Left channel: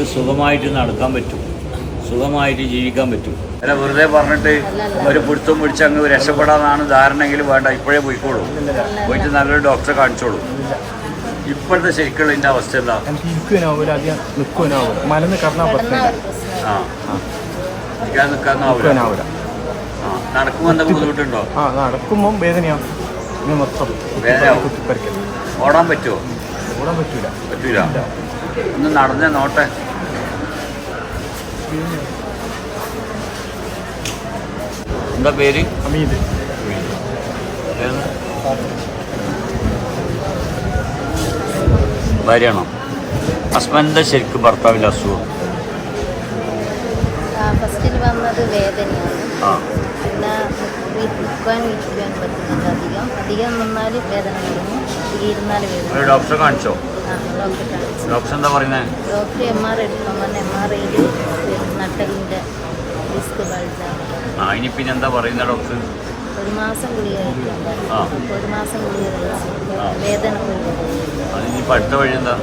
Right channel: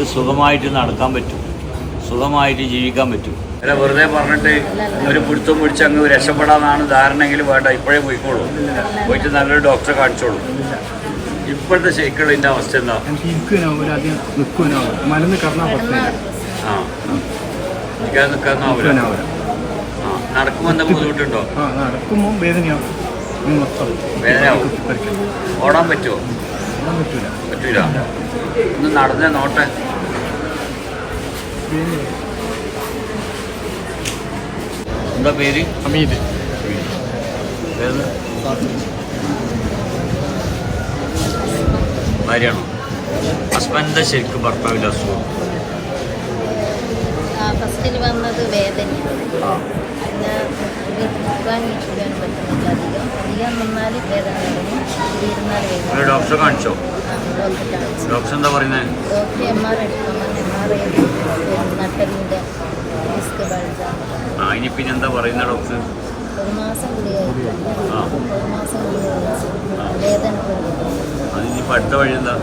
എനിക്ക് സുഖമായിട്ട് നടക്കാൻ പറ്റും. സുഖമായിട്ട് ജീവിക്കാൻ പറ്റും. അല്ല വെറുതെ പറഞ്ഞിട്ട് ഒരു പിടുത്തം പിടിച്ച് അങ്ങ് രക്ഷപ്പെടാനാണ് ധാരണയെങ്കിൽ വേണ്ട. ഇപ്പോഴേ പോയിക്കോളൂ. പോയിട്ട് നല്ലൊരു ഡോക്ടറെ കാണിച്ചോളൂ. ഇപ്പോഴത്തെ ശരിക്കുള്ള ഇതിന്റെ അവസ്ഥ എന്താ? ആ. നിൽക്കാൻ നടക്കുമ്പോൾ എന്താ ബുദ്ധിമുട്ടുണ്ടോ? ആ നടക്കുമ്പോൾ വേദനയാവും. ഇത് മൊത്തം വേദനയാവും. ഓടാൻ പറ്റുമോ ഓടാൻ പറ്റില്ല പറ്റില്ല ഒന്ന് നടന്നേ നോട്ടെ. എന്താ പേര്? അമീത് ഏത് ഭാര്യയാണോ? ഹസ്ബൻഡിന്റെ ശരിക്കും ഭർത്താവിന്റെ അസുഖം? ഫസ്റ്റിൽ വന്നത് വേദനയാണ്. ആ. പിന്നെ നിൽക്കാൻ വീട്ടിലാൻ പറ്റുന്നില്ല അധികം. അധികം നിന്നാൽ വേദന തുടങ്ങും ഇരുന്നാൽ വേദന ഒരു ഡോക്ടറെ കാണിച്ചോ? ഡോക്ടറെ കാണിച്ചു. ഡോക്ടർ എന്താ പറയുന്നത് ഡോക്ടർ എം ആർ നട്ടലിന്റെ ഡിസ്ക് ബൾജാണ് പിന്നെ എന്താ പറയുന്നത് ഡോക്ടർ? ഒരു മാസം ഗുളിക ഒരു മാസം ഗുളിക കഴിച്ചു. വേദന കൂടുതൽ. ഇനി അടുത്ത വഴി എന്താ?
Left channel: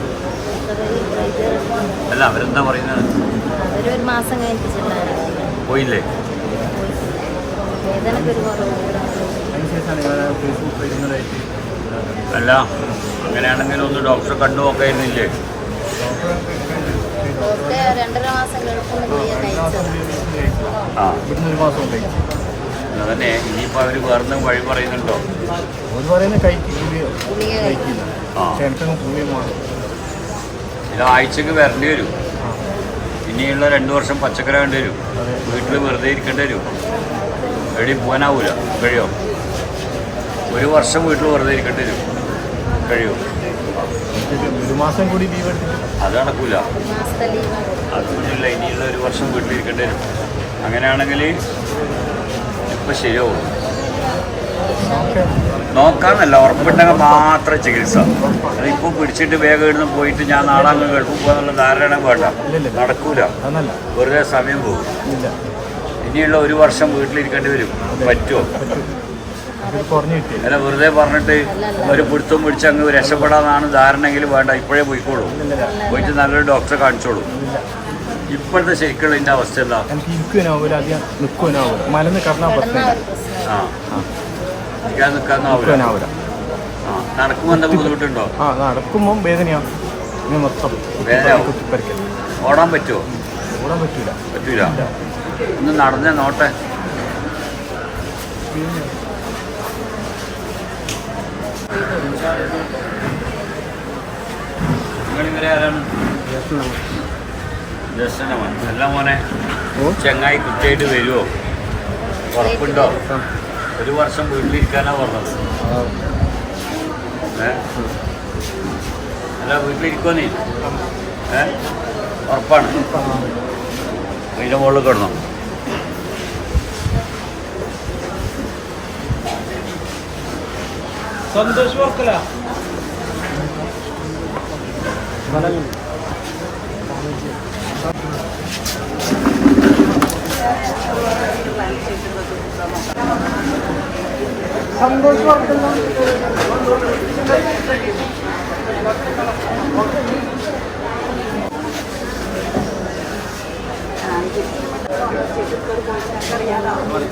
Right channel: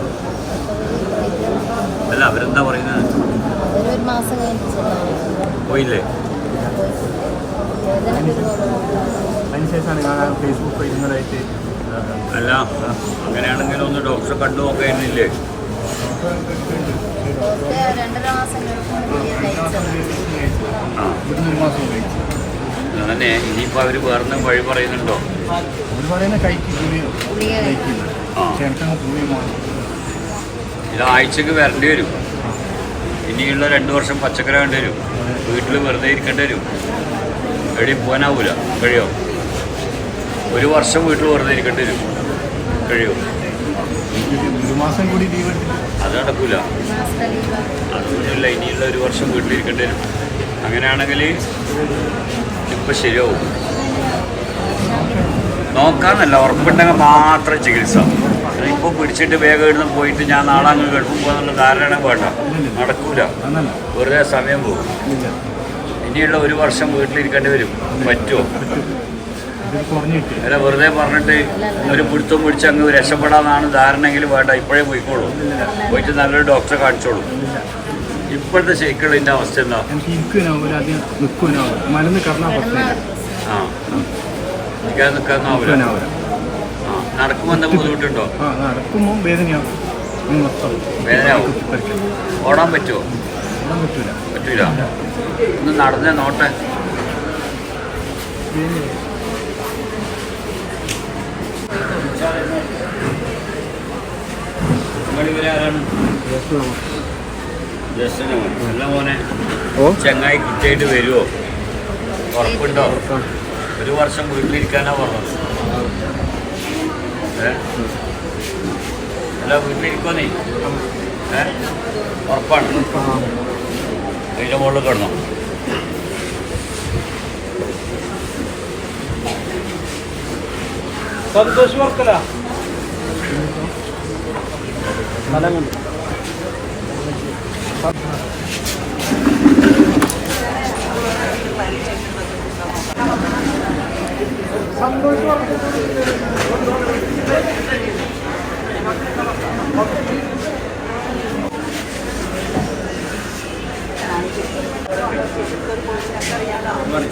അല്ല അവരെന്താ പറയുന്നത്? അവരൊരു മാസം കഴിഞ്ഞിട്ട് പോയില്ലേ? അല്ല അങ്ങനെയാണെങ്കിൽ ഒന്ന് ഡോക്ടറെ കണ്ടു നോക്കായിരുന്നില്ലേ? ഡോക്ടറെ രണ്ടര മാസം കഴിഞ്ഞിട്ട് ഗുളിക കഴിച്ചു ആ ഇവിടുന്ന് ഒരു മാസം കഴിച്ചു അതന്നെ ഇനിയിപ്പോൾ അവർ വേറെ വഴി പറയുന്നുണ്ടോ? അവർ പറയുന്ന കഴിക്കും ഗുളിക ഗുളിക കഴിക്കില്ല ഇത് ആഴ്ചക്ക് വരേണ്ടി വരും. ഇനിയുള്ള രണ്ട് വർഷം പച്ചക്കറി വേണ്ടി വരും. വീട്ടിൽ വീട്ടിൽ വെറുതെ ഇരിക്കേണ്ടി വരും. എവിടെയും പോകാനാവൂല കഴിയോ? ഒരു വർഷം വീട്ടിൽ വെറുതെ ഇരിക്കേണ്ടി വരും. കഴിയോ? ഒരു മാസം കൂടി ലീവ് അത് നടക്കൂല. അതുകൊണ്ടില്ല ഇനിയുള്ള ഒരു വർഷം വീട്ടിലിരിക്കേണ്ടി വരും. അങ്ങനെയാണെങ്കിൽ ഇപ്പം ശരിയാവും. നോക്കാന്നല്ല ഉറപ്പുണ്ടെങ്കിൽ മാത്രം ചികിത്സ. ഇപ്പൊ പിടിച്ചിട്ട് വേഗം ഇടുന്ന് പോയിട്ട് ഞാൻ നാളെ അങ്ങ് ഗൾഫിൽ പോകാന്നുള്ള ധാരണ വേണ്ട. നടക്കൂല. വെറുതെ സമയം പോകും. ഇനിയുള്ള ഒരു വർഷം വീട്ടിലിരിക്കേണ്ടി വരും. പറ്റുമോ? അല്ല വെറുതെ പറഞ്ഞിട്ട് ഒരു പിടുത്തം പിടിച്ച് അങ്ങ് ധാരണ എങ്കിലും വേണ്ട. ഇപ്പോഴേ പോയിക്കോളൂ. പോയിട്ട് നല്ലൊരു ഡോക്ടറെ കാണിച്ചോളൂ. ഇപ്പോഴത്തെ ശരിക്കുള്ള ഇതിന്റെ അവസ്ഥ എന്താ? എനിക്ക് ഇരിക്കുവാനാവില്ല അധികം നിൽക്കുവാനാവില്ല മലന്ന് കറങ്ങാൻ പറ്റില്ല. ആ. നിൽക്കാൻ നിൽക്കാനാവില്ല നിൽക്കുവാനാവില്ല ആ. നടക്കുമ്പോൾ എന്താ ബുദ്ധിമുട്ടുണ്ടോ? ആ നടക്കുമ്പോൾ വേദനയാവും ഇത് മൊത്തം വേദനയാവും. കുത്തിപ്പറിക്കുന്നു ഓടാൻ പറ്റുമോ ഓടാൻ പറ്റില്ല പറ്റില്ല ഒന്ന് നടന്നേ നോട്ടെ. നിങ്ങളിവരെ മോനെ ചെങ്ങായി കുറ്റിയായിട്ട് വരുമോ ഉറപ്പുണ്ടോ? ഒരു വർഷം വീട്ടിലിരിക്കാനാ പറഞ്ഞത്. അല്ല വീട്ടിലിരിക്കോന്നേ ഏ? ഉറപ്പാണ്. അതിന്റെ മുകളിൽ കിടണം നാൽപ്പത്തൊന്ന് മല